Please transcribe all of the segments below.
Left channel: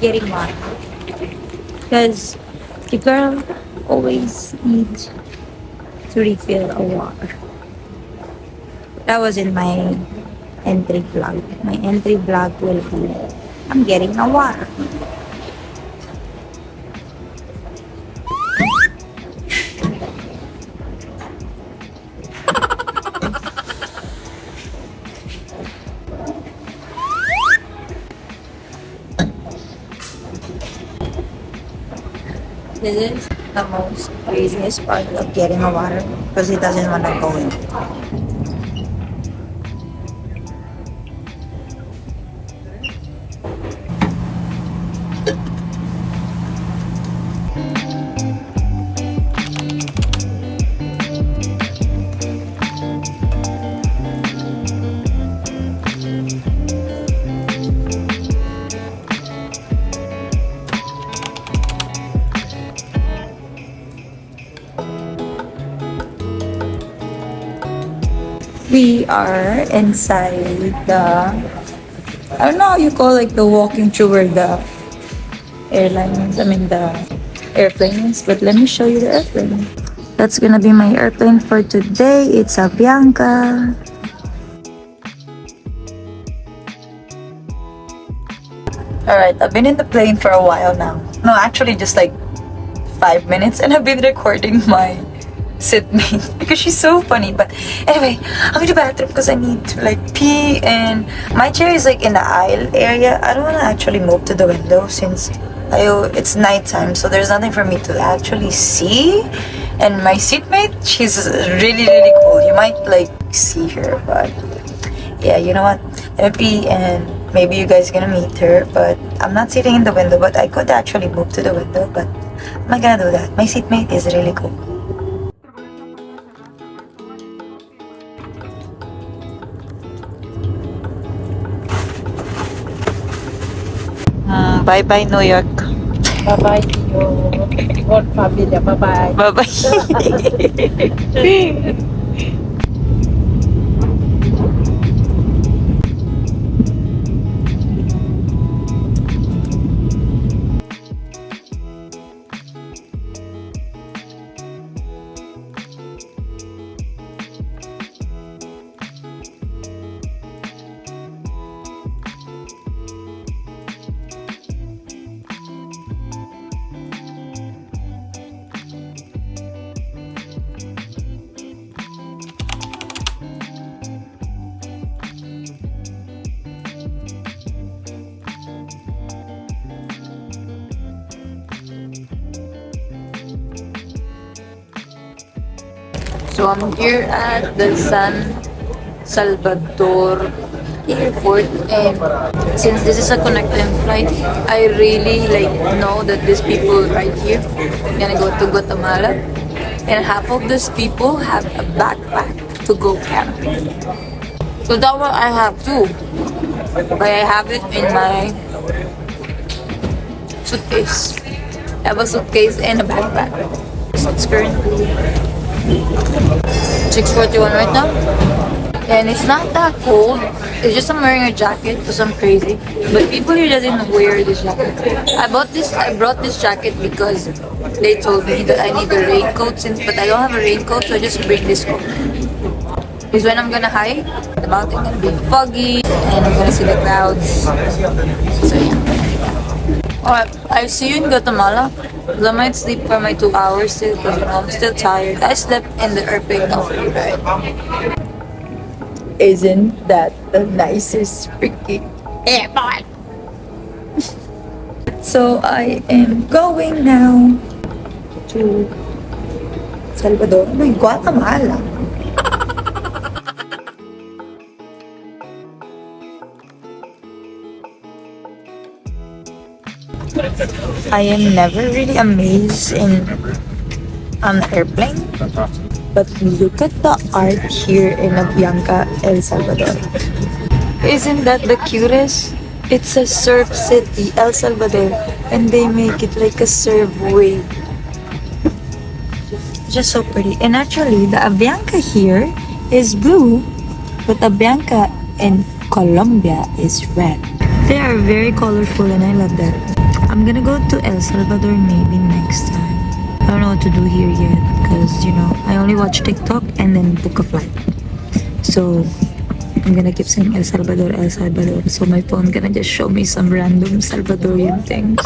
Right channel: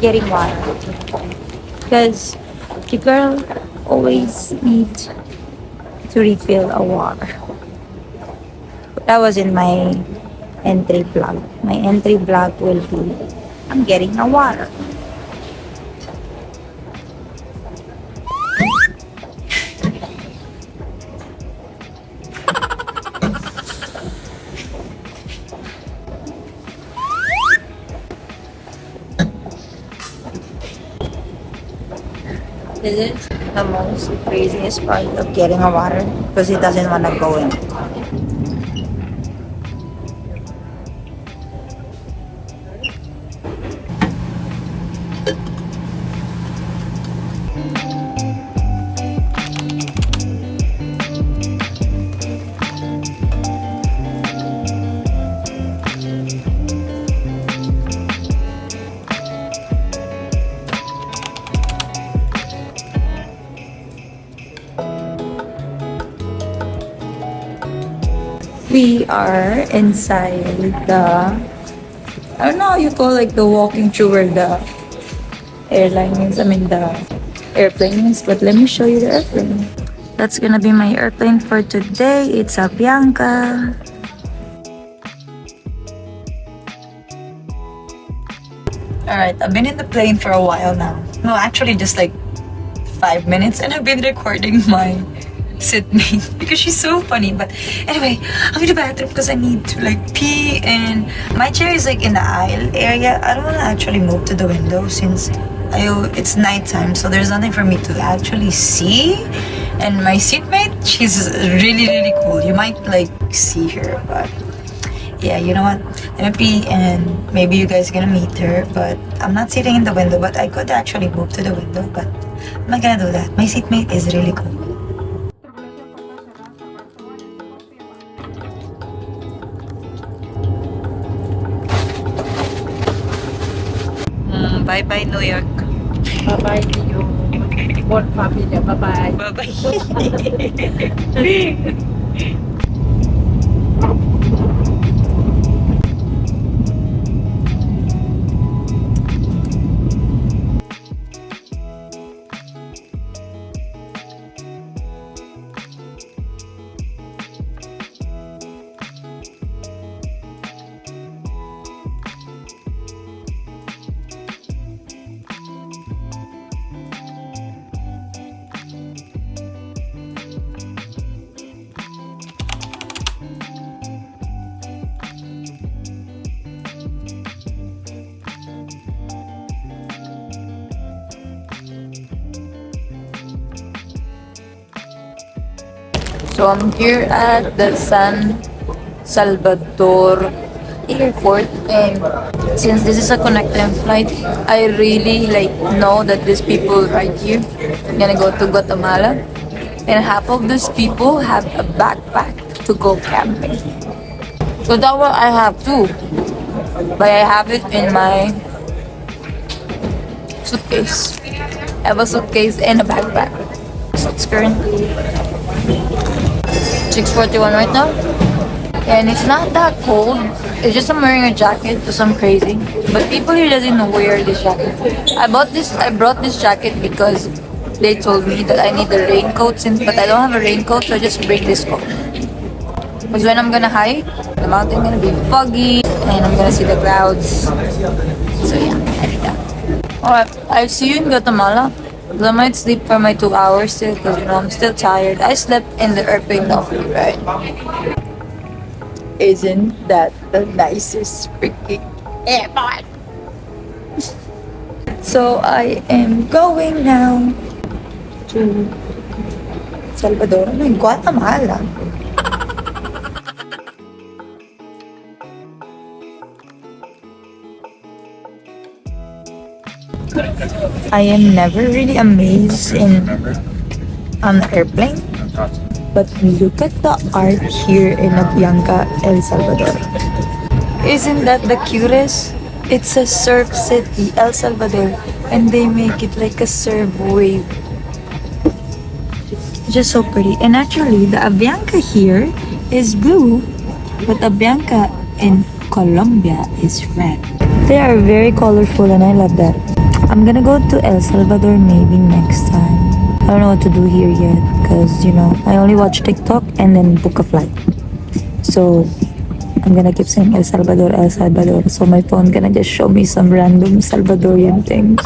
getting water. Because the girl always needs to refill a water. That was in my entry vlog. My entry vlog will be, I'm getting a water. This is the most craziest part of getting a water because he doesn't want to go in. We are inside the, I don't know how you call like the walking through where the airline is, the airplane is, but let me show you the airplane. That's gonna be my airplane for today. It's a Bianca. Alright, I've been in the plane for a while now. No, actually just like 5 minutes, and I've been recording my seatmate because she's so funny. But anyway, I'm in the bathroom because I need to like pee, and my chair is like in the aisle area. I don't want to actually move to the window since it's nighttime, so there's nothing for me to actually see. And my seatmate, she's really cool. You might like see her, but yeah, you know what? I'm gonna pee and maybe you guys gonna meet her, but I'm not sitting in the window. But I could actually move to the window, but I'm not gonna do that. My seatmate is really cool. Bye-bye, New York. Bye-bye, your own family. Bye-bye. Bye-bye. So I'm here at the San Salvador airport, and since this is a connecting flight, I really know that these people right here gonna go to Guatemala, and half of these people have a backpack to go camping. So that's what I have too, but I have it in my suitcase. I have a suitcase and a backpack. So it's currently 6:41 right now, and it's not that cold. It's just I'm wearing a jacket because I'm crazy. But people here doesn't wear this jacket. I brought this jacket because they told me that I need a raincoat, but I don't have a raincoat, so I just bring this coat. Because when I'm gonna hike, the mountain gonna be foggy, and I'm gonna see the clouds. So yeah, I did that. Alright, I'll see you in Guatemala. I might sleep for my 2 hours still, because I'm still tired. I slept in the airplane though, right? Isn't that the nicest freaking airport? So I am going now to Salvador, Guatemala. I am never really amazed in an airplane, but look at the art here in Bianca, El Salvador. Isn't that the cutest? It's a surf city, El Salvador, and they make it like a surf wave. Just so pretty. And actually, the Avianca here is blue, but Avianca in Colombia is red. They are very colorful, and I love that. I'm gonna go to El Salvador maybe next time. I don't know what to do here yet because, you know, I only watch TikTok and then book a flight. So I'm gonna keep saying El Salvador, El Salvador. So my phone gonna just show me some random Salvadorian things.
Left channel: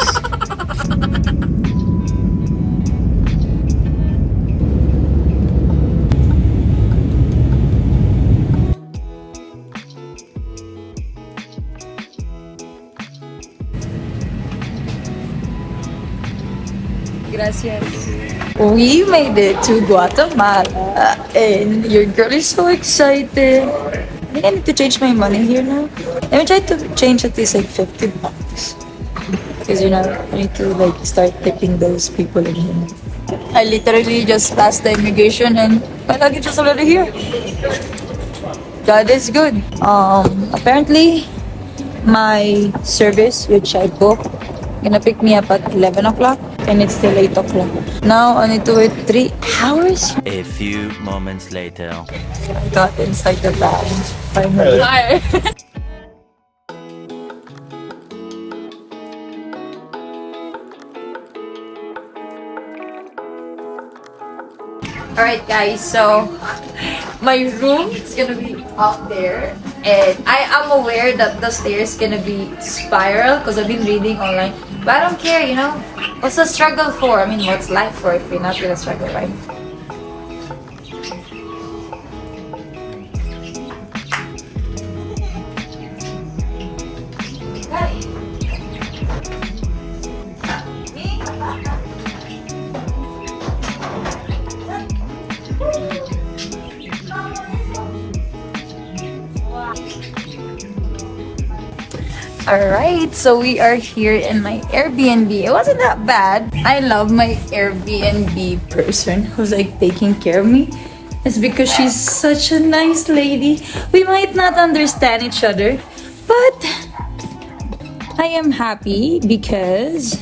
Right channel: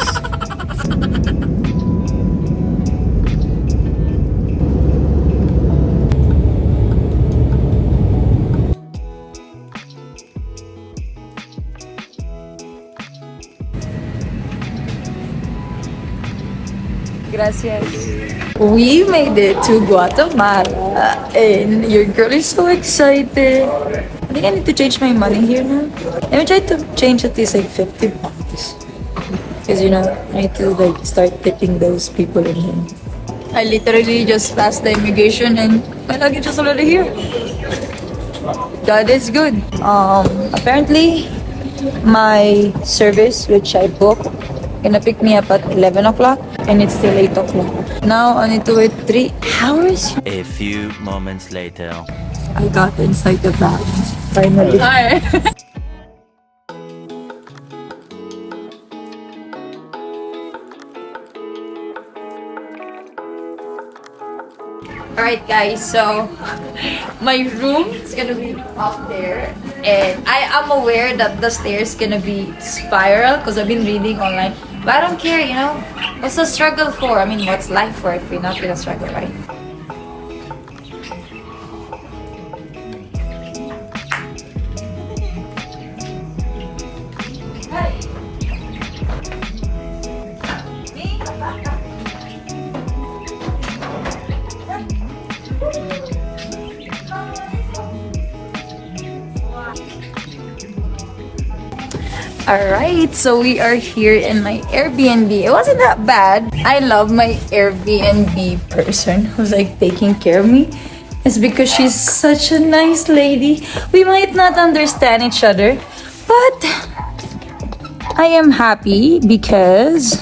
Gracias. We made it to Guatemala and your girl is so excited. I think I need to change my money here now. Let me try to change at least like 50 bucks. Because, you know, I need to like start tipping those people in here. I literally just passed the immigration and my luggage is already here. God is good. Apparently my service, which I booked, gonna pick me up at 11 o'clock and it's still 8 o'clock. Now I need to wait 3 hours. A few moments later. I got inside the bag finally. Alright guys, so my room is gonna be up there and I am aware that the stairs gonna be spiral because I've been reading online, but I don't care, you know. What's the struggle for? I mean, what's life for if you're not gonna struggle, right? Alright, so we are here in my Airbnb. It wasn't that bad. I love my Airbnb person who's like taking care of me. It's because she's such a nice lady. We might not understand each other, but I am happy because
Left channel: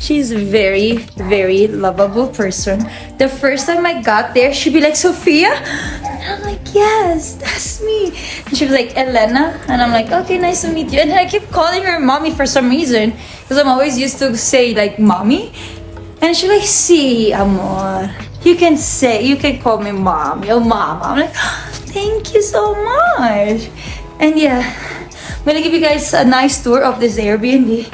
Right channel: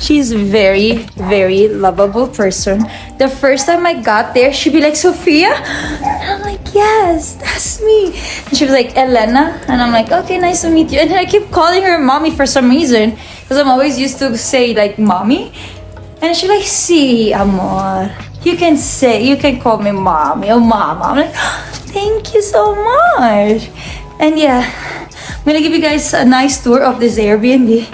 she's a very, very lovable person. The first time I got there, she'd be like, Sophia? And I'm like, yes, that's me. And she was like, Elena. And I'm like, okay, nice to meet you. And then I keep calling her mommy for some reason. Because I'm always used to say like mommy. And she's like, si, amor. You can call me mommy or mama. I'm like, thank you so much. And yeah, I'm gonna give you guys a nice tour of this Airbnb.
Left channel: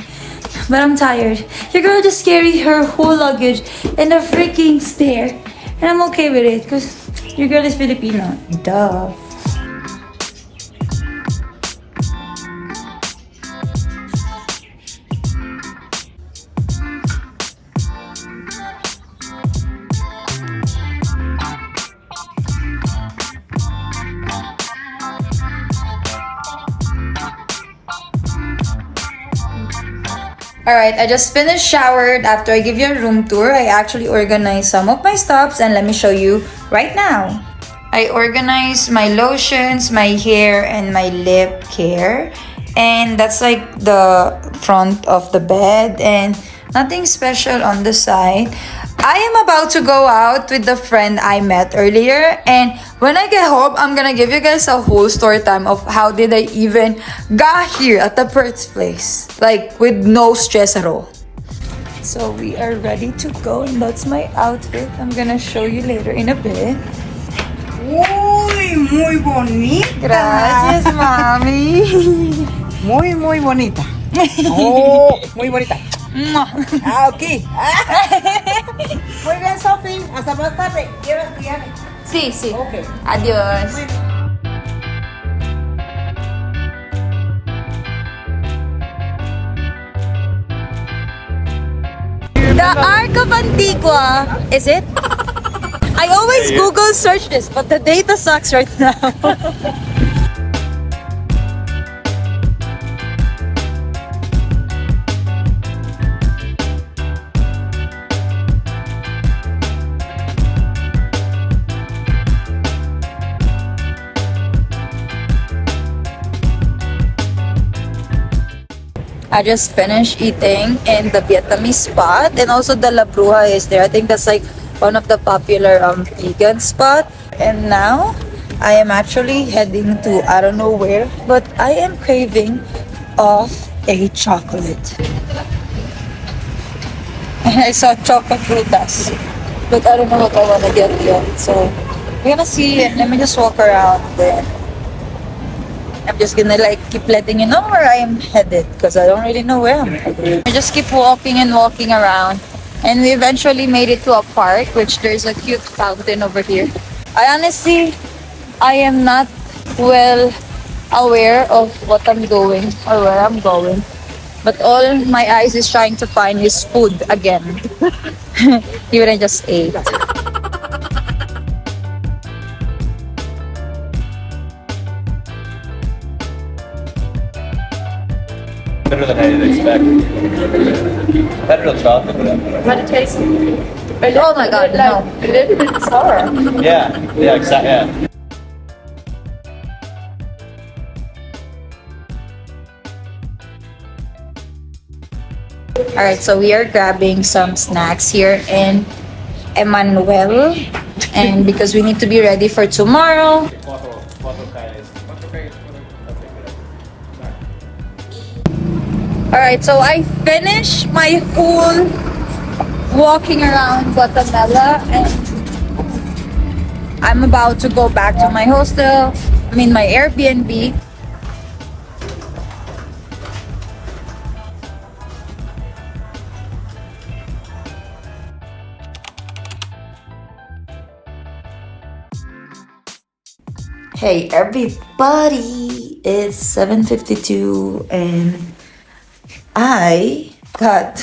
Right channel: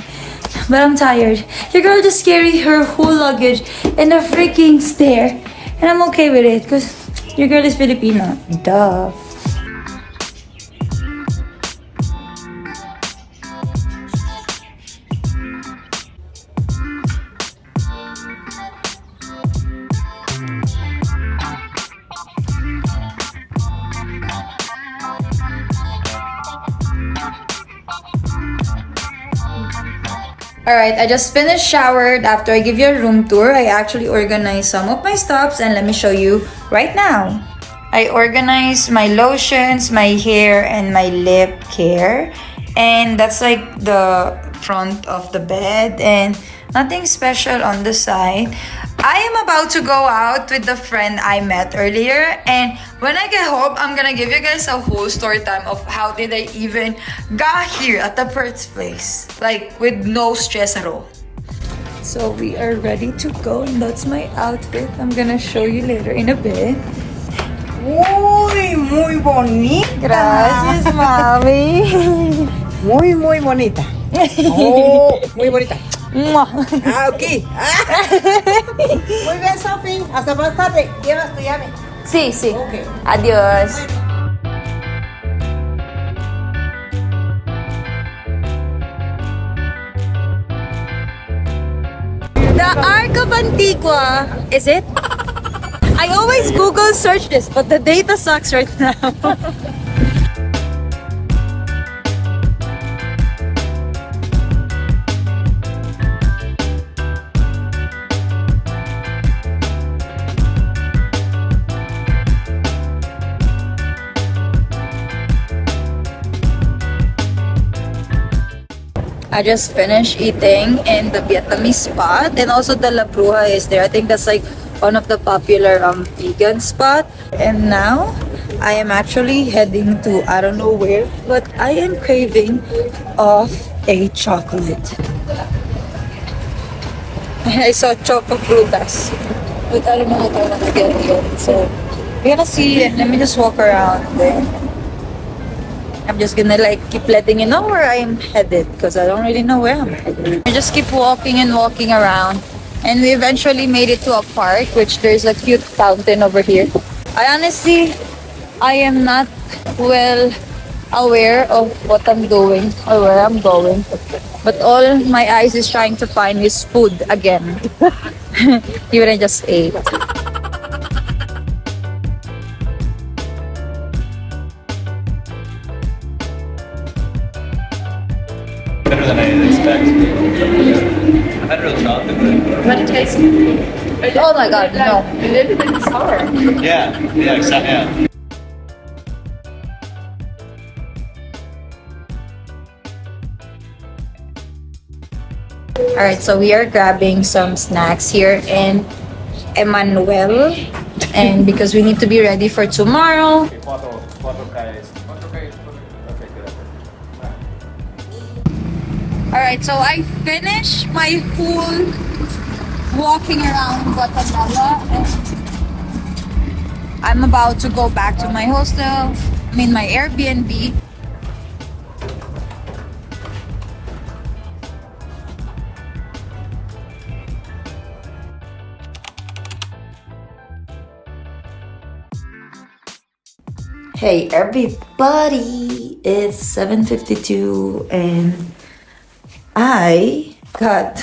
But I'm tired. Your girl just carried her whole luggage in a freaking stair. And I'm okay with it because your girl is Filipino. Duh. Alright, I just finished showered. After I give you a room tour, I actually organized some of my stops and let me show you right now. I organized my lotions, my hair, and my lip care. And that's like the front of the bed and nothing special on the side. I am about to go out with the friend I met earlier, and when I get home, I'm gonna give you guys a whole story time of how did I even got here at the first place, like with no stress at all. So we are ready to go, and that's my outfit. I'm gonna show you later in a bit. Muy bonita. Gracias, mami. Muy bonita. Oh, muy bonita. Ok. Muy bien, Sophie. Hasta más tarde. Llevas tu llave. Sí, sí. Okay. Adiós. The Arco of Antigua, is it? I always Google search this, but the data sucks right now. I just finished eating in the Vietnamese spot, and also the La Bruja is there. I think that's like one of the popular vegan spot. And now I am actually heading to I don't know where, but I am craving of a chocolate. And I saw choco frutas. But I don't know what I want to get yet. So, we're gonna see and let me just walk around then. I'm just gonna like keep letting you know where I am headed because I don't really know where I'm headed. I just keep walking and walking around. And we eventually made it to a park, which there's a cute fountain over here. I am not well aware of what I'm doing or where I'm going. But all my eyes is trying to find is food again. Even I just ate. Better than I did expect. Better than chocolate. But it tastes. Oh my god, no. A little bit sour. Yeah, exactly. Yeah. Alright, so we are grabbing some snacks here in Emmanuel. And because we need to be ready for tomorrow. Alright, so I finished my whole walking around Guatemala and I'm about to go back to my hostel, my Airbnb. Hey everybody, it's 7:52 and I got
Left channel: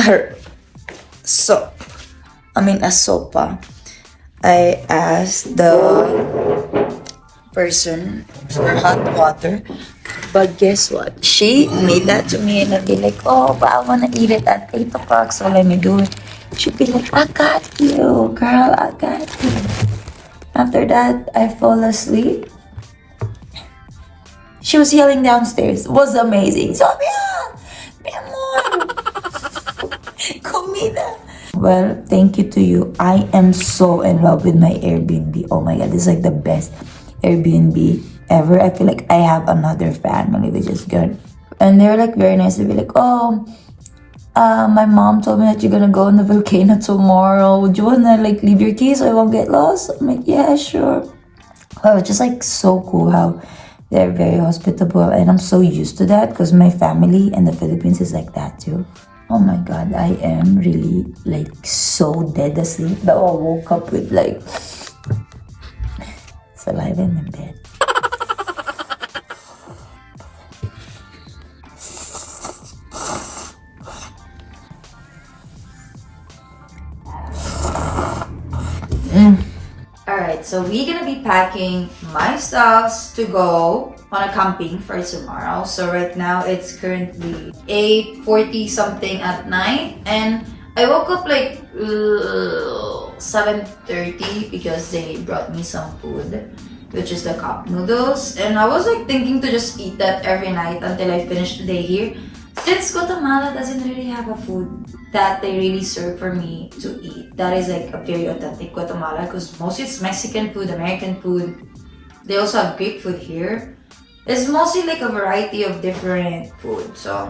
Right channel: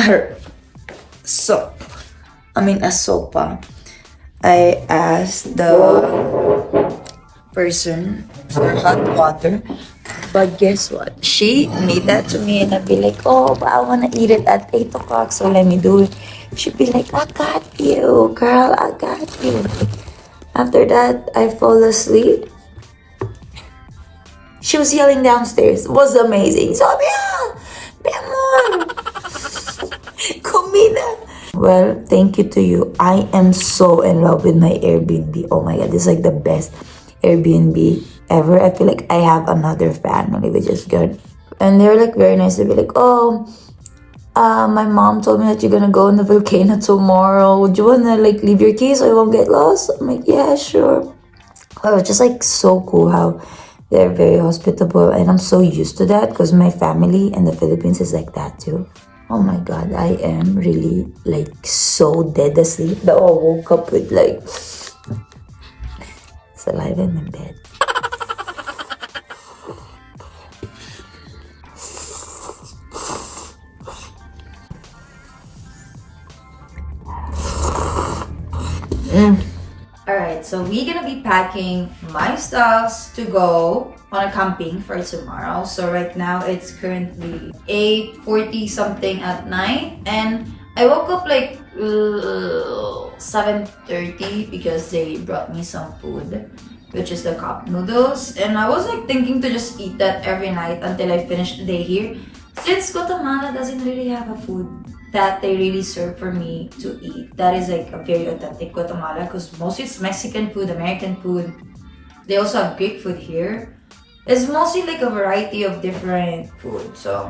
a sopa. I asked the person for hot water, but guess what? She made that to me and I'd be like, oh, but I want to eat it at 8 o'clock, so let me do it. She'd be like, I got you, girl, I got you. After that, I fall asleep. She was yelling downstairs. It was amazing. Sophia! Mi amor! Comida! Well, thank you to you. I am so in love with my Airbnb. Oh my god, this is like the best Airbnb ever. I feel like I have another family, which is good. And they're like very nice. They'd be like, oh, my mom told me that you're gonna go in the volcano tomorrow. Would you wanna like leave your keys so I won't get lost? I'm like, yeah, sure. Oh, it's just like so cool how they're very hospitable, and I'm so used to that because my family in the Philippines is like that too. Oh my god, I am really like so dead asleep that I woke up with like saliva in my bed. Alright, so we're gonna be packing my stuffs to go on a camping for tomorrow. So right now it's currently 8:40 something at night and I woke up like 7:30 because they brought me some food, which is the cup noodles, and I was like thinking to just eat that every night until I finish the day here. Since Guatemala doesn't really have a food that they really serve for me to eat, that is like a very authentic Guatemala, because mostly it's Mexican food, American food. They also have Greek food here. It's mostly like a variety of different food. So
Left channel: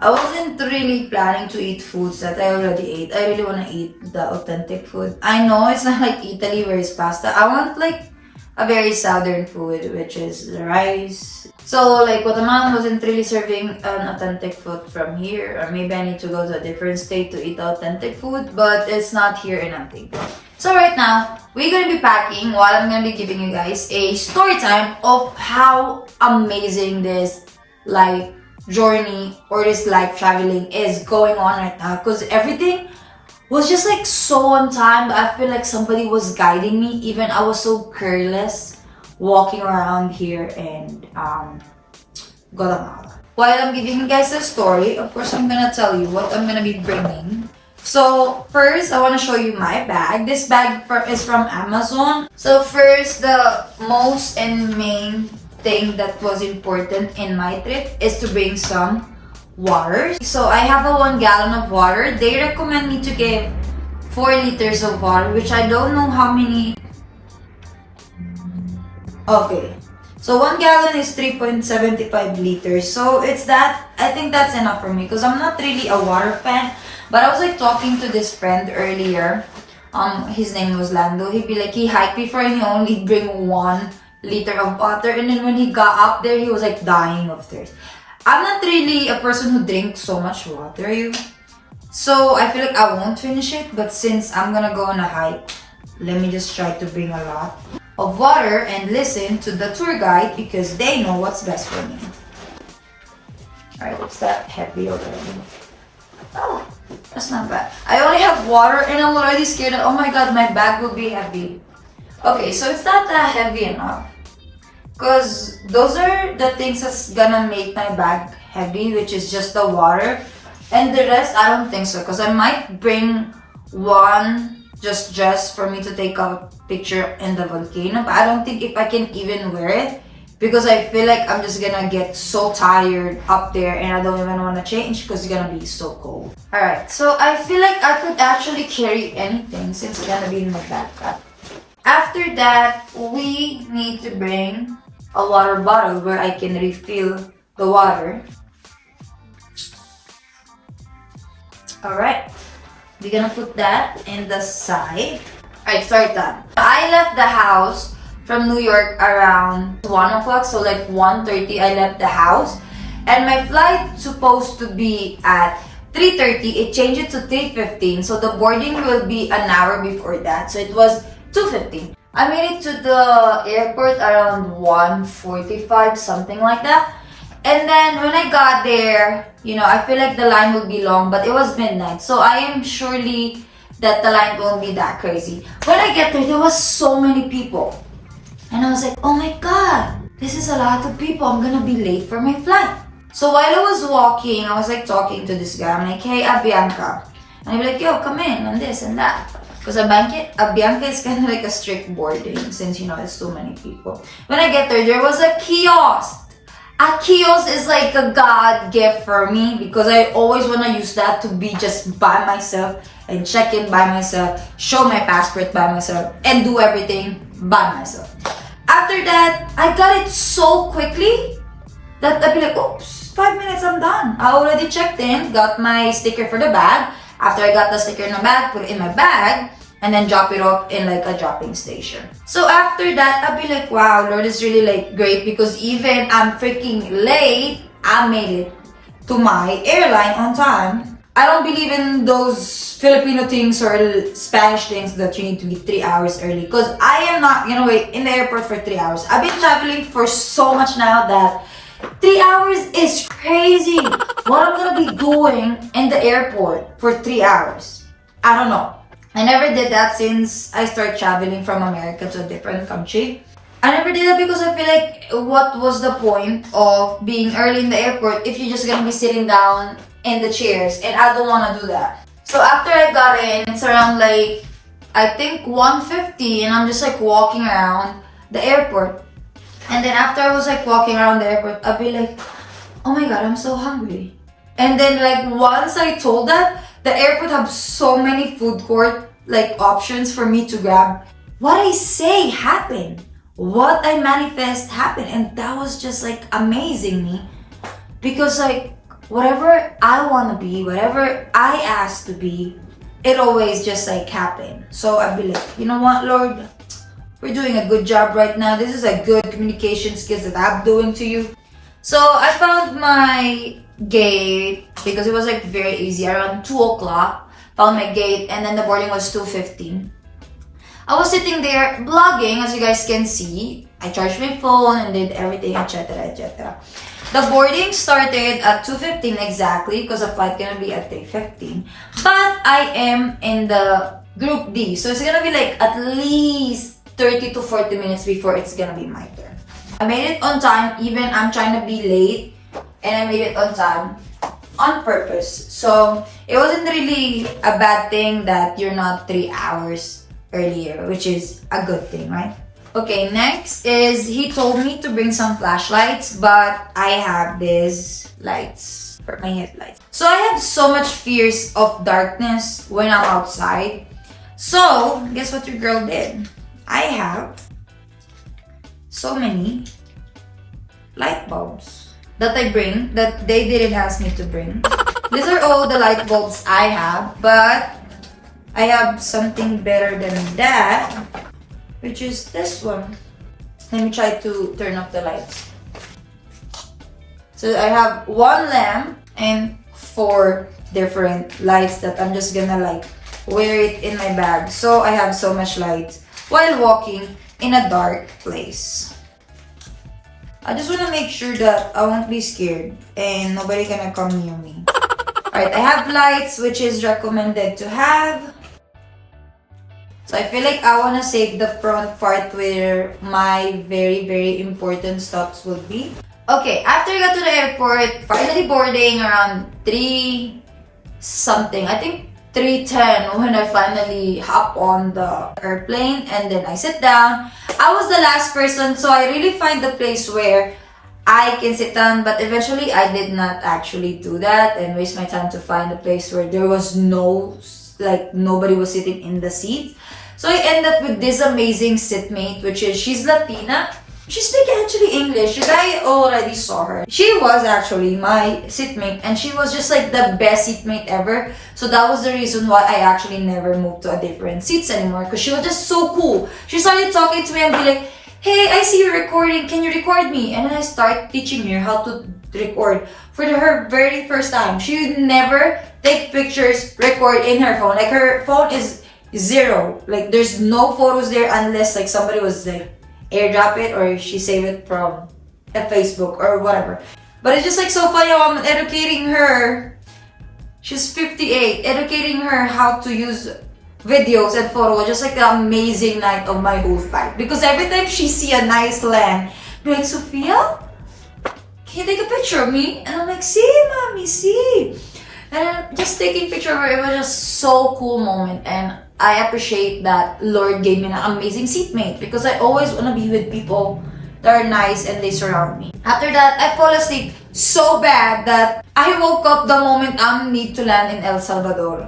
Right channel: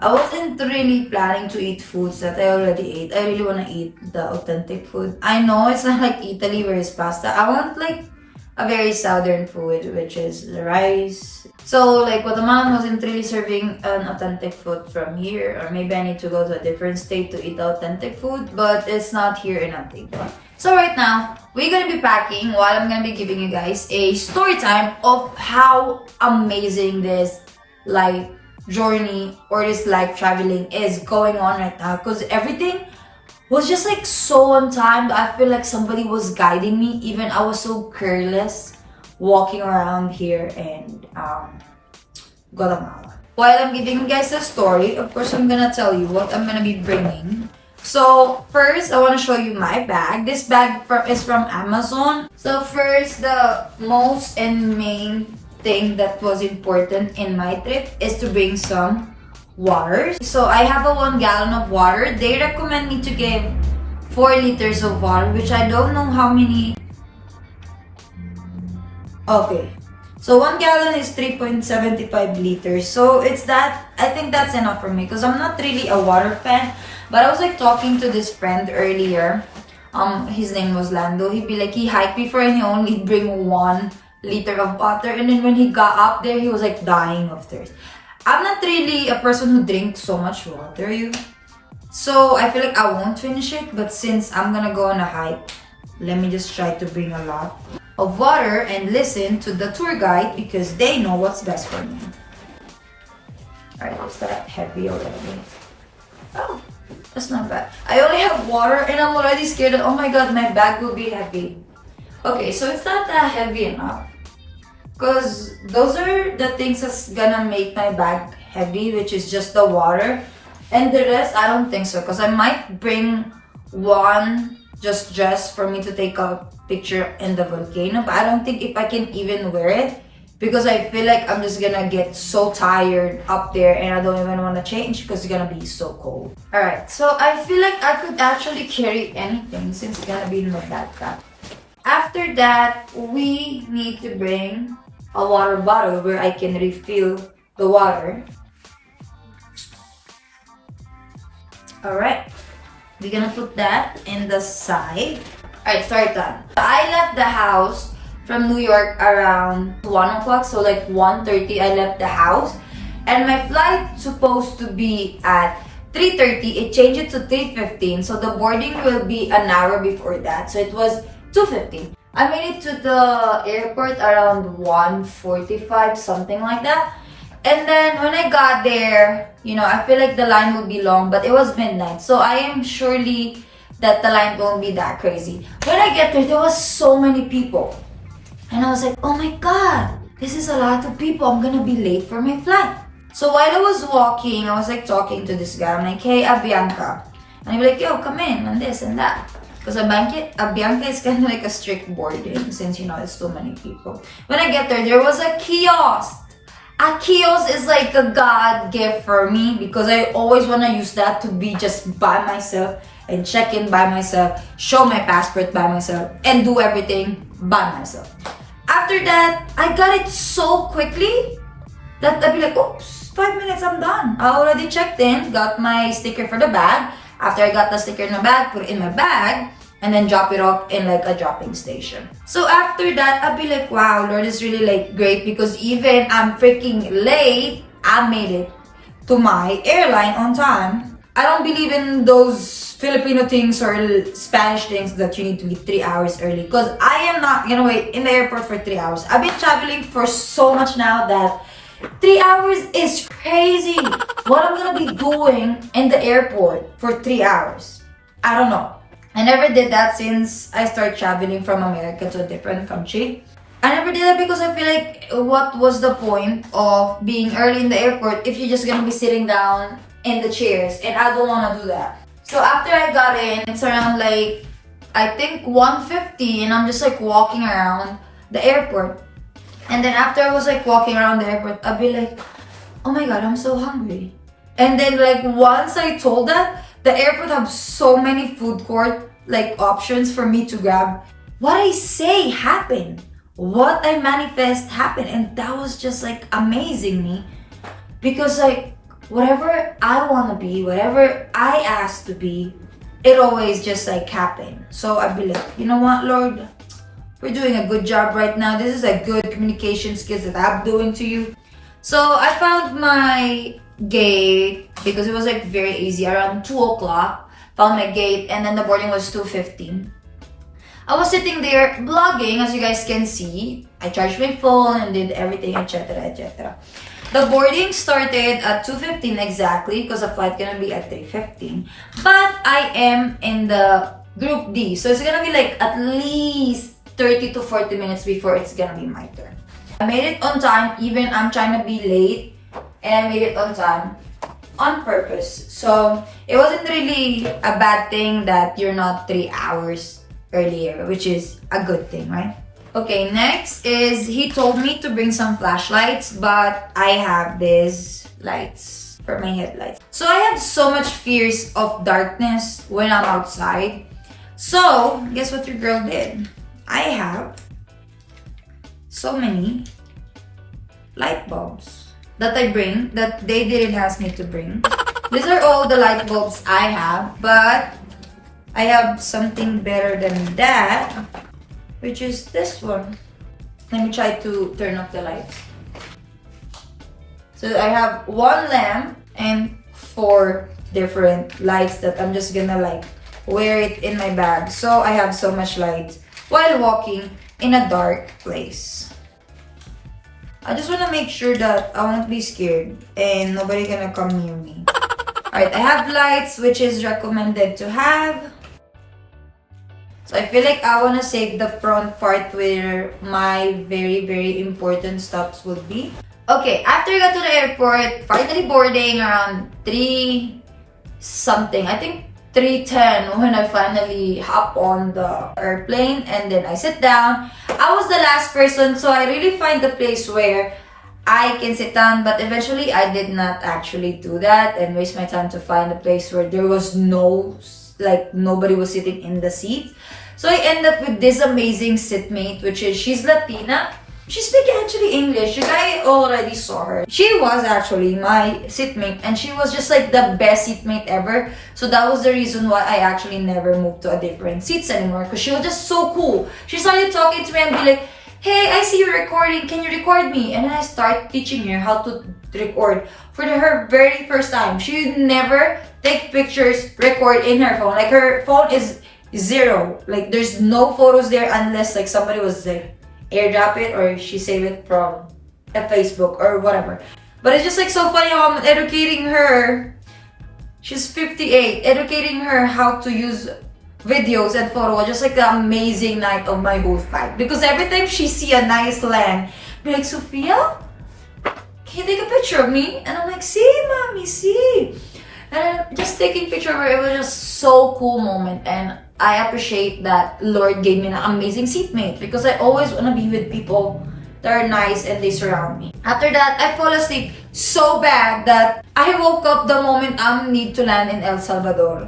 I wasn't really planning to eat foods that I already ate. I really want to eat the authentic food. I know it's not like Italy where it's pasta. I want like a very southern food, which is the rice. So like Guatemala wasn't really serving an authentic food from here, or maybe I need to go to a different state to eat authentic food, but it's not here in Antigua. So right now, we're gonna be packing while I'm gonna be giving you guys a story time of how amazing this life journey or this life traveling is going on right now, because everything was just like so on time that I feel like somebody was guiding me. Even I was so careless walking around here in Guatemala. While I'm giving you guys the story, of course I'm gonna tell you what I'm gonna be bringing. So first, I want to show you my bag. This bag is from Amazon. So first, the most and main thing that was important in my trip is to bring some water. So I have a 1 gallon of water. They recommend me to give 4 liters of water, which I don't know how many. Okay, so 1 gallon is 3.75 liters. So it's that, I think that's enough for me because I'm not really a water fan. But I was like talking to this friend earlier. His name was Lando. He'd be like, he hiked before and he only bring 1 liter of water. And then when he got up there, he was like dying of thirst. I'm not really a person who drinks so much water, so I feel like I won't finish it. But since I'm gonna go on a hike, let me just try to bring a lot of water and listen to the tour guide because they know what's best for me. Alright, is that heavy already? Oh, that's not bad. I only have water and I'm already scared that, oh my god, my bag will be heavy. Okay, so it's not that heavy enough. Because those are the things that's gonna make my bag heavy, which is just the water. And the rest, I don't think so. Because I might bring one just dress for me to take a picture in the volcano. But I don't think if I can even wear it. Because I feel like I'm just gonna get so tired up there and I don't even want to change because it's gonna be so cold. Alright, so I feel like I could actually carry anything since it's gonna be in my backpack. After that, we need to bring a water bottle where I can refill the water. Alright, we're gonna put that in the side. Alright, start that. I left the house from New York around 1 o'clock, so like 1:30 I left the house. And my flight supposed to be at 3:30, it changed it to 3:15, so the boarding will be an hour before that. So it was 2:15. I made it to the airport around 1:45, something like that. And then when I got there, I feel like the line will be long, but it was midnight. So I am surely that the line won't be that crazy. When I get there was so many people. And I was like, oh my god, this is a lot of people. I'm gonna be late for my flight. So while I was walking, I was like talking to this guy. I'm like, hey, Bianca. And he'd be like, yo, come in, and this and that. Because Bianca is kind of like a strict boarding since, it's too many people. When I get there was a kiosk. A kiosk is like a god gift for me because I always want to use that to be just by myself and check in by myself, show my passport by myself, and do everything by myself. After that, I got it so quickly that I'd be like, oops, 5 minutes, I'm done. I already checked in, got my sticker for the bag. After I got the sticker in the bag, put it in my bag, and then drop it off in like a dropping station. So after that, I'll be like, wow, Lord is really like great because even I'm freaking late, I made it to my airline on time. I don't believe in those Filipino things or Spanish things that you need to be 3 hours early because I am not gonna wait in the airport for 3 hours. I've been traveling for so much now that 3 hours is crazy. What I'm gonna be doing in the airport for 3 hours? I don't know. I never did that since I started traveling from America to a different country. I never did that because I feel like what was the point of being early in the airport if you're just gonna be sitting down in the chairs, and I don't wanna do that. So after I got in, it's around like, I think 1:50 and I'm just like walking around the airport. And then after I was like walking around the airport, I'd be like, oh my god, I'm so hungry. And then like once I told that, the airport have so many food court like options for me to grab. What I say happened. What I manifest happened. And that was just like amazing me. Because like whatever I want to be, whatever I ask to be, it always just like happened. So I'd be like, you know what, Lord? We're doing a good job right now. This is a good communication skills that I'm doing to you. So I found my gate because it was like very easy. Around 2 o'clock, found my gate, and then the boarding was 2:15. I was sitting there vlogging, as you guys can see. I charged my phone and did everything, etc., etc. The boarding started at 2:15 exactly because the flight gonna be at 3:15. But I am in the group D, so it's gonna be like at least 30 to 40 minutes before it's gonna be my turn. I made it on time, even I'm trying to be late, and I made it on time on purpose. So it wasn't really a bad thing that you're not 3 hours earlier, which is a good thing, right? Okay, next is he told me to bring some flashlights, but I have these lights for my headlights. So I have so much fears of darkness when I'm outside. So guess what your girl did? I have so many light bulbs that I bring that they didn't ask me to bring. These are all the light bulbs I have, but I have something better than that, which is this one. Let me try to turn off the lights. So I have one lamp and 4 different lights that I'm just gonna like wear it in my bag. So I have so much light while walking in a dark place. I just wanna make sure that I won't be scared and nobody gonna come near me. Alright, I have lights, which is recommended to have. So I feel like I wanna save the front part where my very important stops will be. Okay, after I got to the airport, finally boarding around 3 something. I think 3:10 when I finally hop on the airplane and then I sit down. I was the last person, so I really find the place where I can sit down, but eventually I did not actually do that and waste my time to find a place where there was nobody was sitting in the seat. So I end up with this amazing seatmate, which is, she's Latina. She speaks actually English. You guys already saw her. She was actually my seatmate and she was just like the best seatmate ever. So that was the reason why I actually never moved to a different seats anymore, because she was just so cool. She started talking to me and be like, hey, I see you recording. Can you record me? And then I start teaching her how to record for her very first time. She would never take pictures, record in her phone. Like her phone is 0. Like there's no photos there unless like somebody was like airdrop it or she save it from a Facebook or whatever. But it's just like so funny how I'm educating her. She's 58, educating her how to use videos and photos. Just like the amazing night of my whole flight. Because every time she see a nice land, be like, Sophia, can you take a picture of me? And I'm like, see, mommy, see. And then just taking picture of her, it was just so cool moment. And I appreciate that Lord gave me an amazing seatmate, because I always want to be with people that are nice and they surround me. After that, I fall asleep so bad that I woke up the moment I need to land in El Salvador.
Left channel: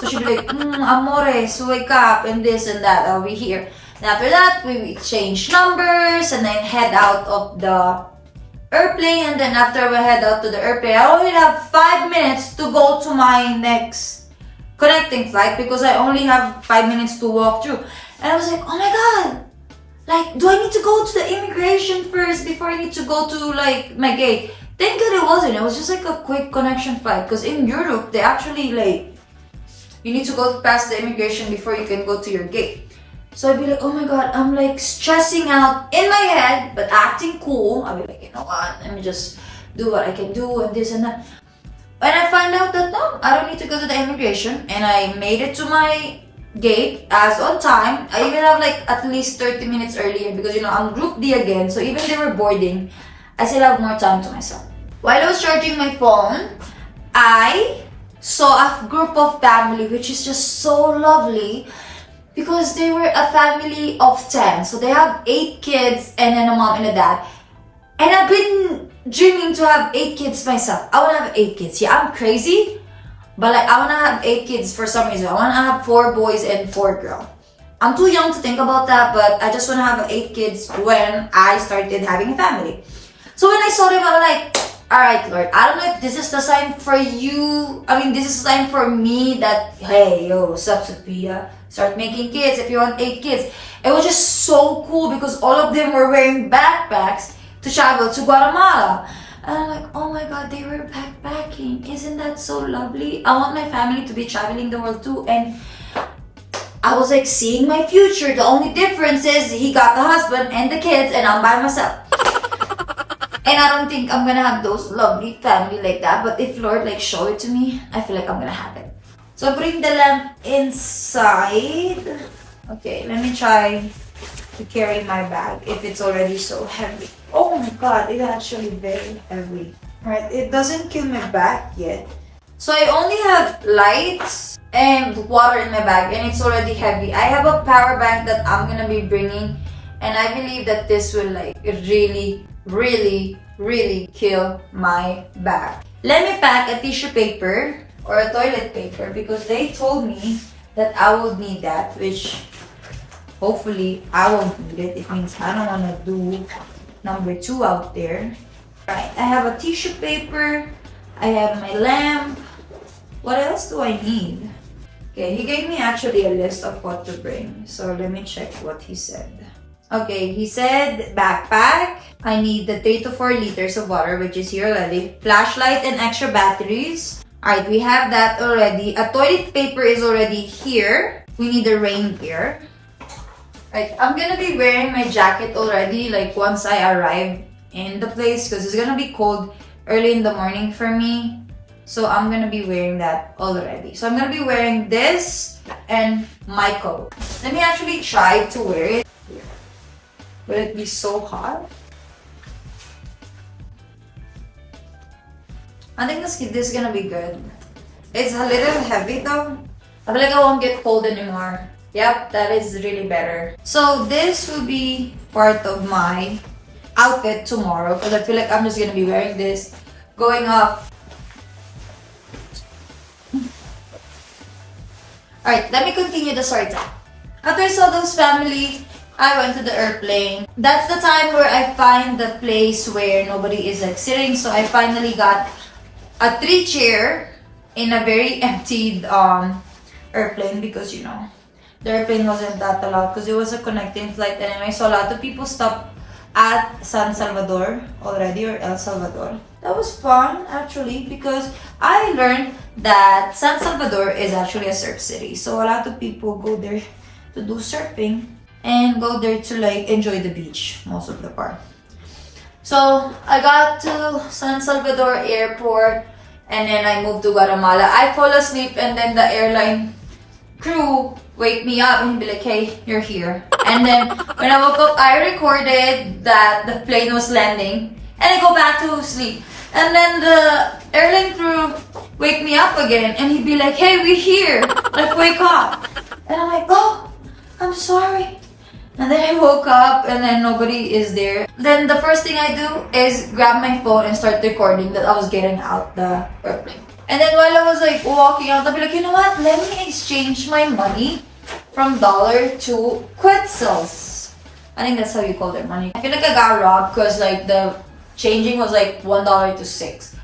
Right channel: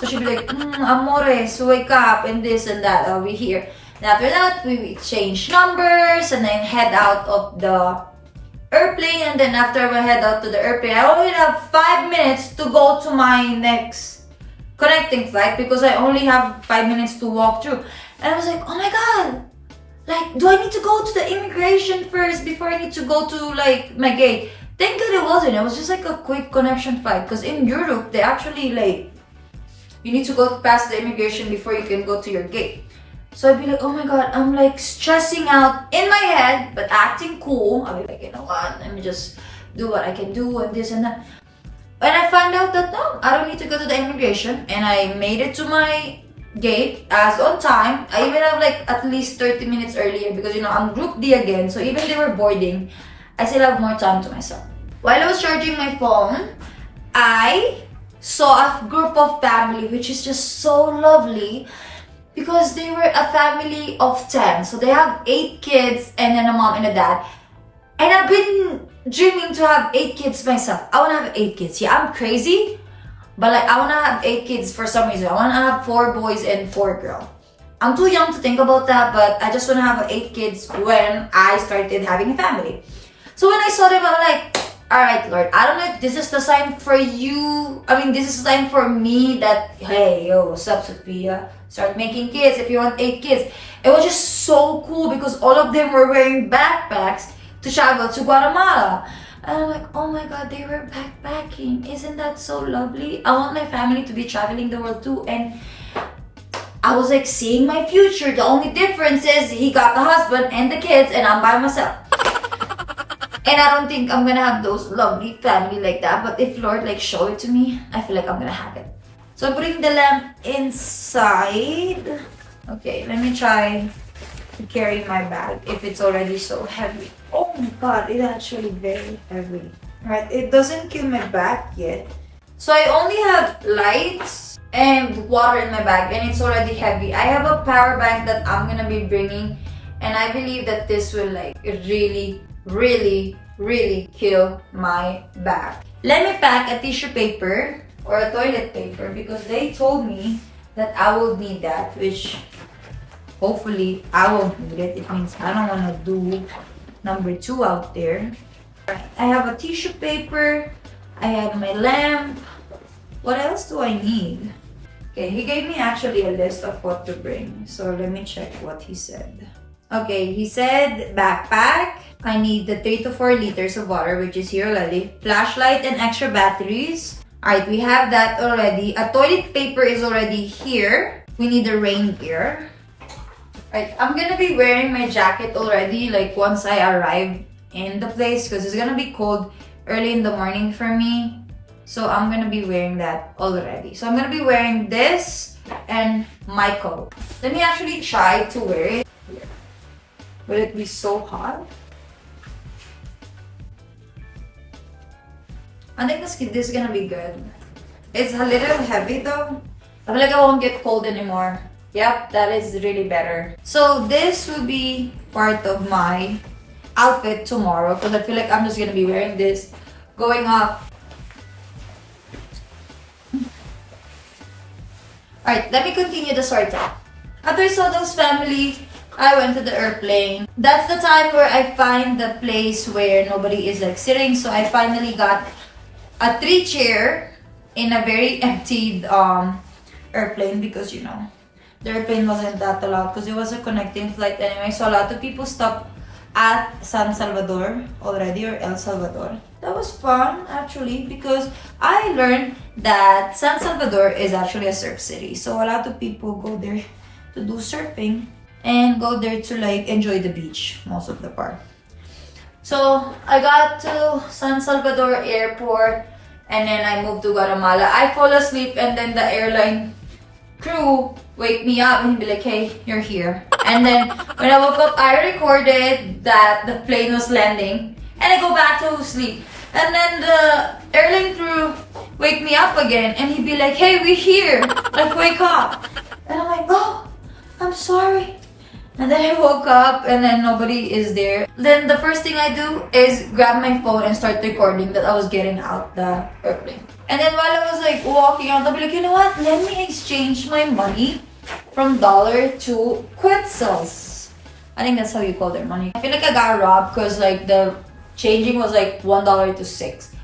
So she'd be like, Amores, wake up, and this and that, I'll be here. And after that, we exchange numbers and then head out of the airplane. And then after we head out to the airplane, I only have 5 minutes to go to my next connecting flight, because I only have 5 minutes to walk through. And I was like, oh my god, like, do I need to go to the immigration first before I need to go to like my gate? Thank god it wasn't. It was just like a quick connection flight, because in Europe they actually like, you need to go past the immigration before you can go to your gate. So I'd be like, oh my god, I'm like stressing out in my head but acting cool. I'll be like, you know what, let me just do what I can do and this and that. And I find out that no, I don't need to go to the immigration, and I made it to my gate as on time. I even have like at least 30 minutes earlier, because you know I'm group D again, so even they were boarding, I still have more time to myself. While I was charging my phone, I saw a group of family, which is just so lovely, because they were a family of 10. So they have 8 kids and then a mom and a dad. And I've been dreaming to have 8 kids myself. I want to have 8 kids. Yeah, I'm crazy, but like I want to have 8 kids for some reason. I want to have 4 boys and 4 girls. I'm too young to think about that, but I just want to have 8 kids when I started having a family. So when I saw them, I'm like, alright, Lord, I don't know if this is the sign for you. I mean, this is a sign for me that, hey, yo, what's up, Sophia? Start making kids if you want 8 kids. It was just so cool because all of them were wearing backpacks to travel to Guatemala. And I'm like, oh my god, they were backpacking. Isn't that so lovely? I want my family to be traveling the world too. And I was like seeing my future. The only difference is he got the husband and the kids and I'm by myself. And I don't think I'm gonna have those lovely family like that. But if Lord like show it to me, I feel like I'm gonna have it. So I bring the lamp inside. Okay, let me try to carry my bag if it's already so heavy. Oh my god, it's actually very heavy. Right, it doesn't kill my back yet. So I only have lights and water in my bag and it's already heavy. I have a power bank that I'm gonna be bringing, and I believe that this will like really kill my bag. Let me pack a tissue paper or a toilet paper because they told me that I will need that, which hopefully I won't need it. It means I don't want to do number 2 out there. Right, I have a tissue paper, I have my lamp, What else do I need? Okay, he gave me actually a list of what to bring. So let me check what he said. Okay, he said backpack. I need the 3 to 4 liters of water, which is here already. Flashlight and extra batteries. Alright, we have that already. A toilet paper is already here. We need the rain gear. Alright, I'm gonna be wearing my jacket already, like once I arrive in the place, because it's gonna be cold early in the morning for me. So I'm gonna be wearing that already. So I'm gonna be wearing this and my coat. Let me actually try to wear it. Will it be so hot? I think this is gonna be good. It's a little heavy though. I feel like I won't get cold anymore. Yep, that is really better. So this will be part of my outfit tomorrow, because I feel like I'm just gonna be wearing this going up. Alright, let me continue the story time. After I saw those family, I went to the airplane. That's the time where I find the place where nobody is like sitting. So I finally got a 3 chair in a very emptied airplane, because you know, the airplane wasn't that allowed because it was a connecting flight anyway. So a lot of people stopped at San Salvador already, or El Salvador. That was fun actually, because I learned that San Salvador is actually a surf city. So a lot of people go there to do surfing and go there to like enjoy the beach most of the part. So I got to San Salvador airport and then I moved to Guatemala. I fall asleep and then the airline crew wake me up and be like, hey, you're here. And then when I woke up, I recorded that the plane was landing and I go back to sleep. And then the airline crew wake me up again and he'd be like, hey, we're here. Like, wake up. And I'm like, oh, I'm sorry. And then I woke up and then nobody is there. Then the first thing I do is grab my phone and start recording that I was getting out the airplane. And then while I was like walking out, I'll be like, you know what? Let me exchange my money from dollar to quetzals. I think that's how you call their money. I feel like I got robbed because like the changing was like $1 to 6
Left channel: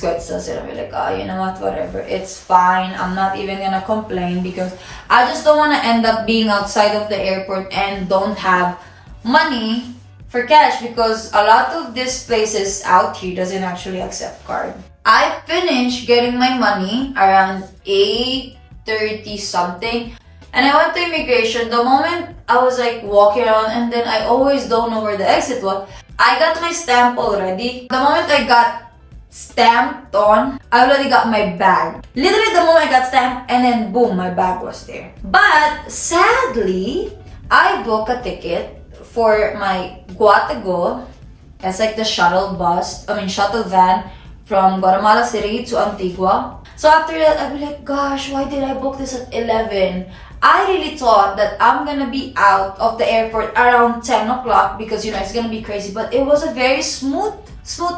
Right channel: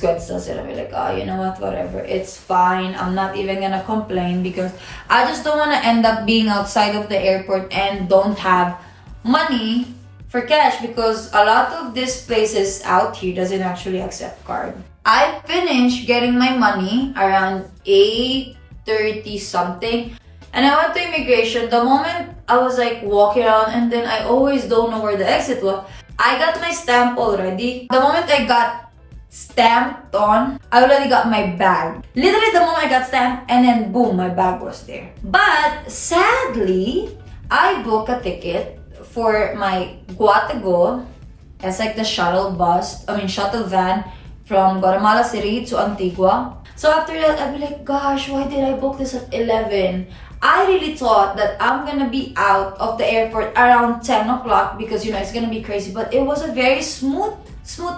quetzals. And I'll be like, oh, you know what? Whatever. It's fine. I'm not even gonna complain because I just don't want to end up being outside of the airport and don't have money for cash, because a lot of these places out here doesn't actually accept card. I finished getting my money around 8:30 something, and I went to immigration. The moment I was like walking around, and then I always don't know where the exit was. I got my stamp already. The moment I got stamped on, I already got my bag. Literally the moment I got stamped, and then boom, my bag was there. But sadly, I booked a ticket for my Guatago. It's like the shuttle van from Guatemala City to Antigua. So after that, I'd be like, gosh, why did I book this at 11? I really thought that I'm gonna be out of the airport around 10 o'clock because, you know, it's gonna be crazy. But it was a very smooth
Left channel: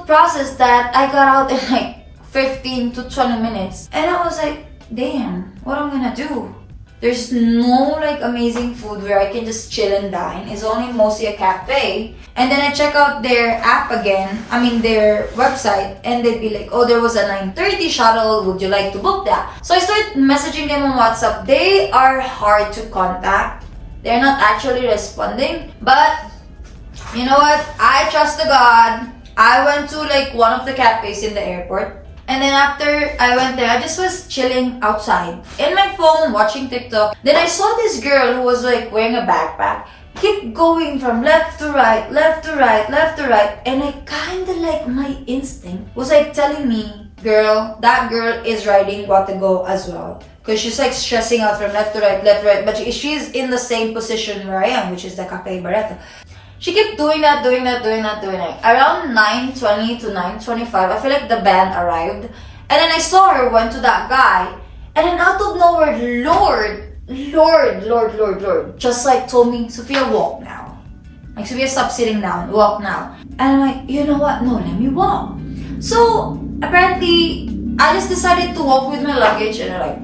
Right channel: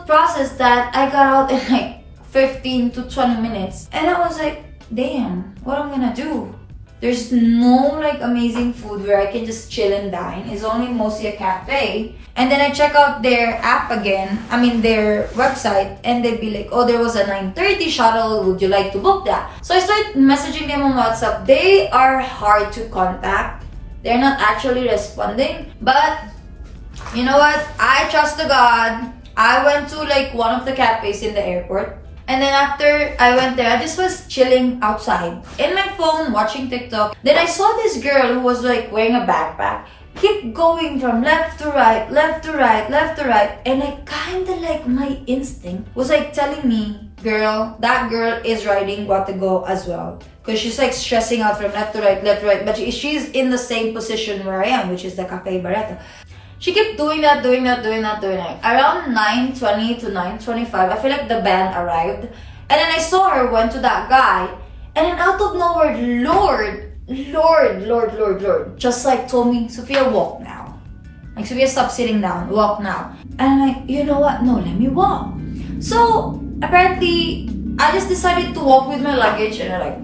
process that I got out in like 15 to 20 minutes. And I was like, damn, what am I gonna do? There's no like amazing food where I can just chill and dine. It's only mostly a cafe. And then I check out their app again, their website, and they'd be like, oh, there was a 9:30 shuttle, would you like to book that? So I started messaging them on WhatsApp. They are hard to contact. They're not actually responding. But you know what? I trust the God. I went to like one of the cafes in the airport. And then after I went there, I just was chilling outside in my phone watching TikTok. Then I saw this girl who was like wearing a backpack, keep going from left to right, left to right, left to right. And I kind of like, my instinct was like telling me, girl, that girl is riding Guatago as well. Because she's like stressing out from left to right, left to right. But she's in the same position where I am, which is the Cafe Barreto. She kept doing that. Around 9:20 to 9:25, I feel like the band arrived. And then I saw her went to that guy. And then out of nowhere, Lord, just like told me, Sophia, walk now. Like, Sophia, stop sitting down, walk now. And I'm like, you know what? No, let me walk. So, apparently, I just decided to walk with my luggage. And I'm like,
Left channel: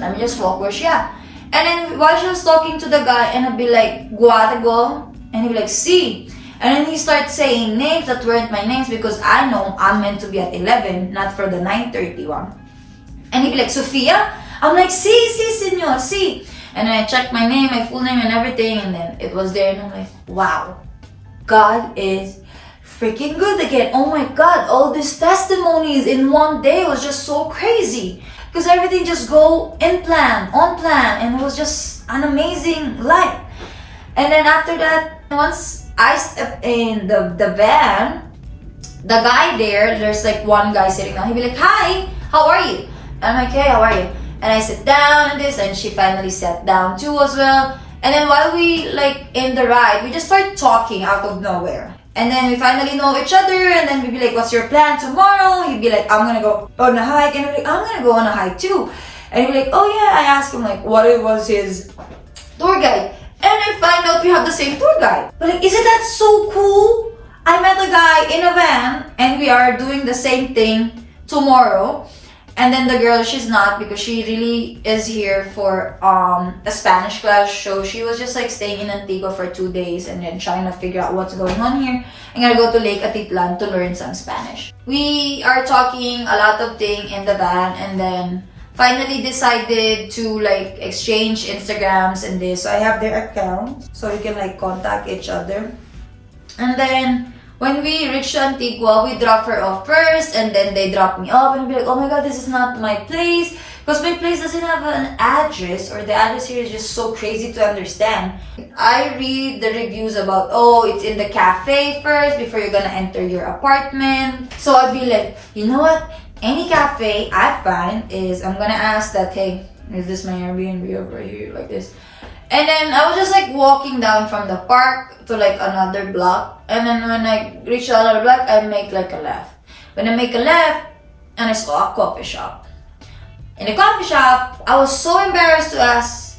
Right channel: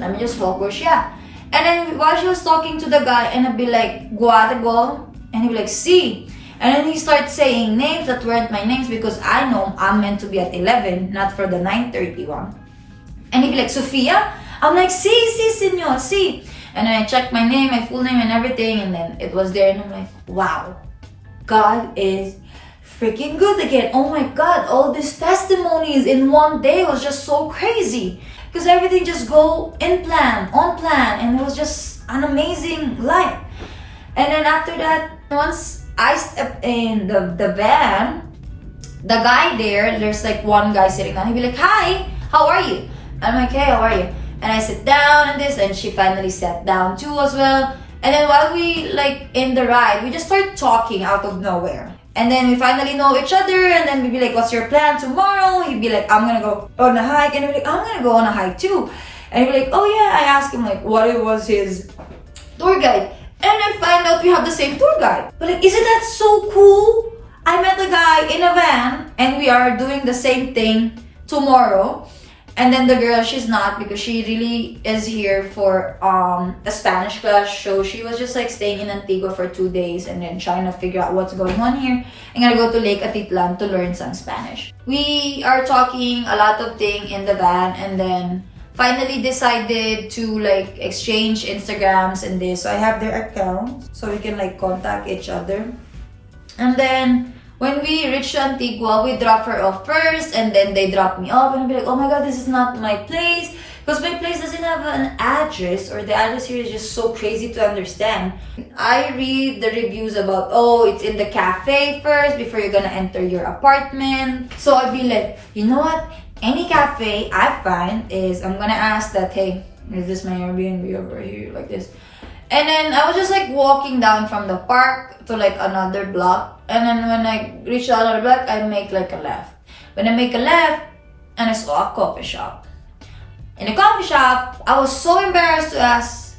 let me just walk where she at. And then while she was talking to the guy, and I'd be like, Guatago. And he'd be like, see. And then he starts saying names that weren't my names because I know I'm meant to be at 11, not for the 9:30 one. And he'd be like, Sophia? I'm like, si, senor, si. And then I checked my name, my full name and everything, and then it was there, and I'm like, wow, God is freaking good again. Oh my God, all these testimonies in one day was just so crazy. Because everything just go on plan, and it was just an amazing life. And then after that, once I stepped in the van, the guy there's like one guy sitting down, he'd be like, hi, how are you? And I'm like, hey, how are you? And I sit down and this, and she finally sat down too as well. And then while we like in the ride, we just start talking out of nowhere. And then we finally know each other, and then we'd be like, what's your plan tomorrow? He'd be like, I'm gonna go on a hike. And I'd be like, I'm gonna go on a hike too. And he'd be like, oh yeah. I asked him like what it was his tour guide. And I find out we have the same tour guide. But like, isn't that so cool? I met a guy in a van, and we are doing the same thing tomorrow. And then the girl, she's not, because she really is here for a Spanish class. So she was just like staying in Antigua for 2 days and then trying to figure out what's going on here. I'm gonna go to Lake Atitlan to learn some Spanish. We are talking a lot of things in the van, and then finally decided to like exchange Instagrams and this. So I have their accounts so we can like contact each other. And then when we reached Antigua, we drop her off first, and then they drop me off, and I'll be like, oh my God, this is not my place, because my place doesn't have an address, or the address here is just so crazy to understand. I read the reviews about, oh, it's in the cafe first before you're gonna enter your apartment. So I'd be like, you know what? Any cafe I find is, I'm gonna ask that, hey, is this my Airbnb over here, like this? And then I was just like walking down from the park to like another block. And then when I reach another block, I make like a left. When I make a left, and I saw a coffee shop. In the coffee shop, I was so embarrassed to ask,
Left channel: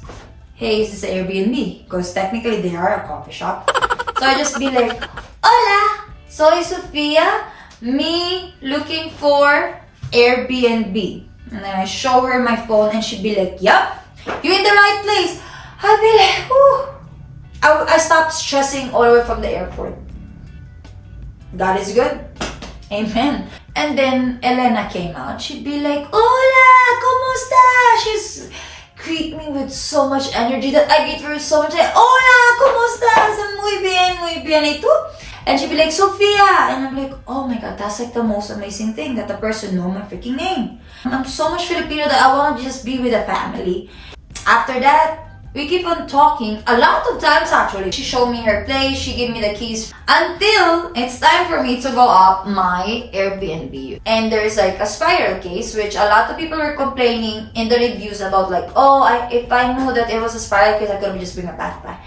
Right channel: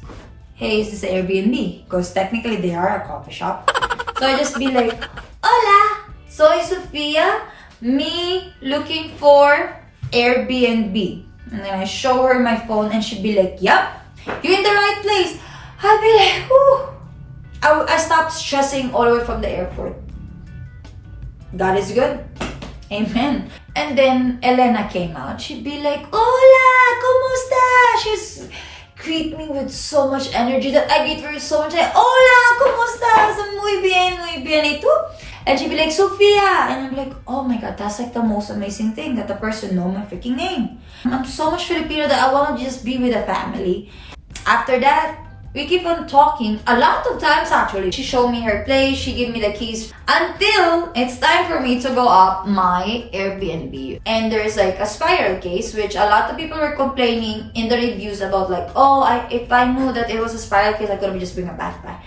hey, is this Airbnb? Because technically they are a coffee shop. So I just be like, hola, soy Sophia, me looking for Airbnb. And then I show her my phone, and she'd be like, yup, you're in the right place. I'd be like, whew. I stopped stressing all the way from the airport. God is good. Amen. And then Elena came out. She'd be like, hola, ¿cómo estás? She's greet me with so much energy that I greet her so much. Like, hola, ¿cómo estás? Muy bien, ¿y tú? And she'd be like, Sophia. And I'm like, oh my God, that's like the most amazing thing, that the person know my freaking name. I'm so much Filipino that I want to just be with a family. After that, we keep on talking a lot of times actually. She showed me her place, she gave me the keys, until it's time for me to go up my Airbnb. And there's like a spiral case, which a lot of people were complaining in the reviews about, like, oh, if I knew that it was a spiral case, I could have just bring a backpack.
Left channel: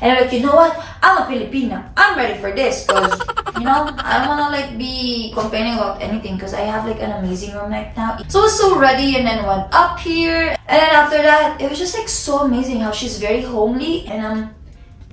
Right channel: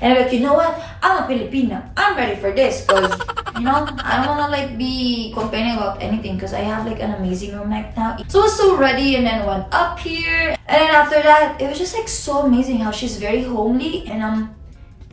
And I'm like, you know what? I'm a Filipina. I'm ready for this, because, you know, I don't want to like be complaining about anything, because I have like an amazing room right now. So I was so ready, and then went up here. And then after that, it was just like so amazing how she's very homely, and I'm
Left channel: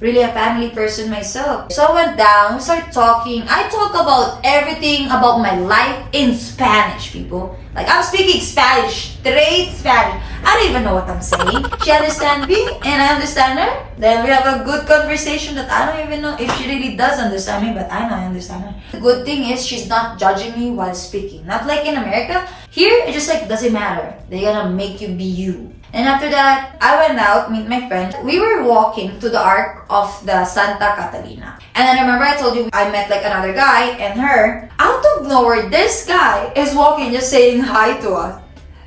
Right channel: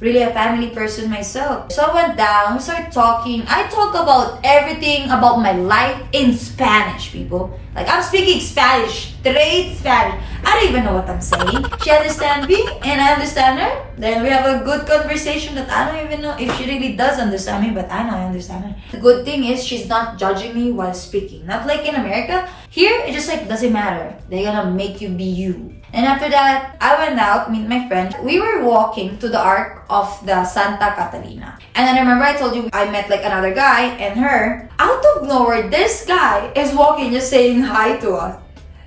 really a family person myself. So I went down, we started talking. I talk about everything about my life in Spanish, people. Like, I'm speaking Spanish, straight Spanish. I don't even know what I'm saying. She understands me, and I understand her. Then we have a good conversation that I don't even know if she really does understand me, but I know I understand her. The good thing is she's not judging me while speaking. Not like in America. Here, it just like doesn't matter. They're gonna make you be you. And after that, I went out, meet my friend. We were walking to the Arc of the Santa Catalina. And then I remember I told you I met like another guy and her. Out of nowhere, this guy is walking just saying hi to us.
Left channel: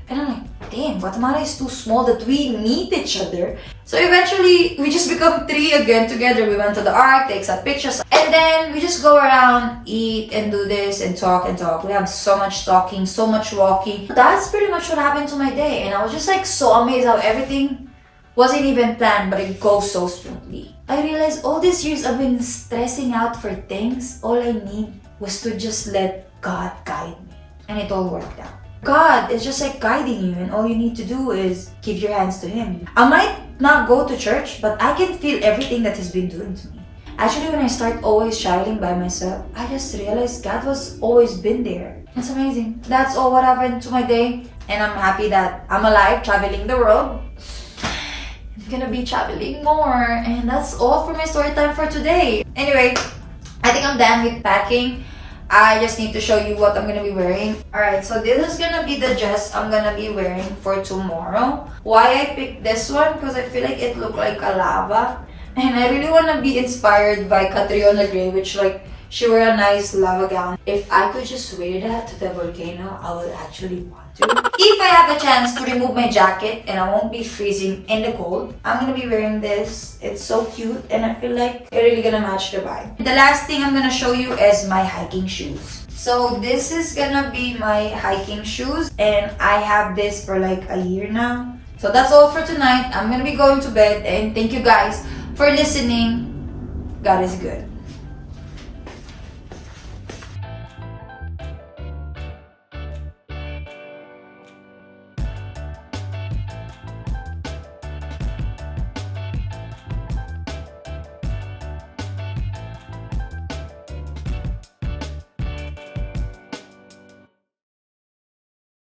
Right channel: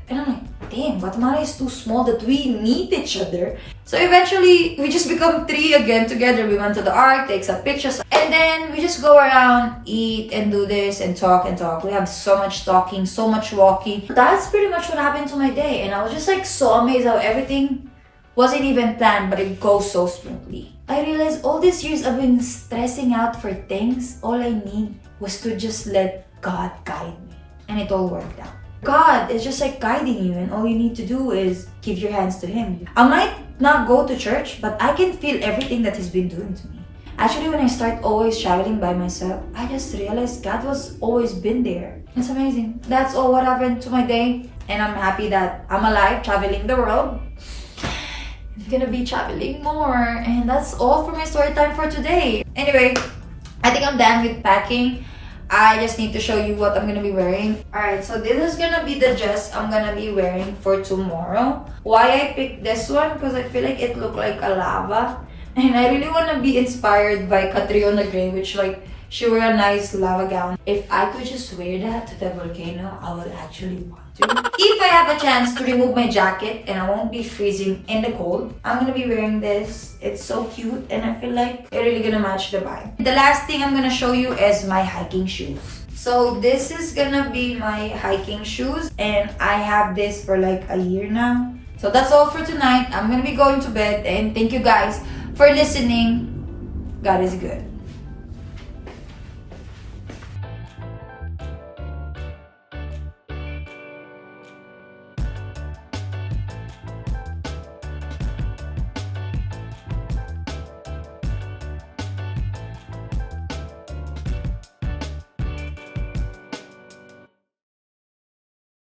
And I'm like, damn, Guatemala is too small that we meet each other. So eventually, we just become 3 again together. We went to the Arc, take some pictures. And then we just go around, eat, and do this, and talk and talk. We have so much talking, so much walking. That's pretty much what happened to my day. And I was just like so amazed how everything wasn't even planned, but it goes so smoothly. I realized all these years I've been stressing out for things. All I need was to just let God guide me. And it all worked out. God is just like guiding you, and all you need to do is give your hands to Him. I might not go to church, but I can feel everything that He's been doing to me. Actually, when I start always traveling by myself, I just realized God was always been there. It's amazing. That's all what happened to my day, and I'm happy that I'm alive, traveling the world. I'm gonna be traveling more, and that's all for my story time for today. Anyway, I think I'm done with packing. I just need to show you what I'm gonna be wearing. Alright, so this is gonna be the dress I'm gonna be wearing for tomorrow. Why I picked this one? Because I feel like it looked like a lava. And I really wanna be inspired by Catriona Gray, which like, she wore a nice lava gown. If I could just wear that to the volcano, I would actually want to. If I have a chance to remove my jacket and I won't be freezing in the cold, I'm gonna be wearing this. It's so cute and I feel like it's really gonna match the vibe. The last thing I'm gonna show you is my hiking shoes. So this is gonna be my hiking shoes and I have this for like a year now. So that's all for tonight. I'm gonna be going to bed and thank you guys for listening. God is good.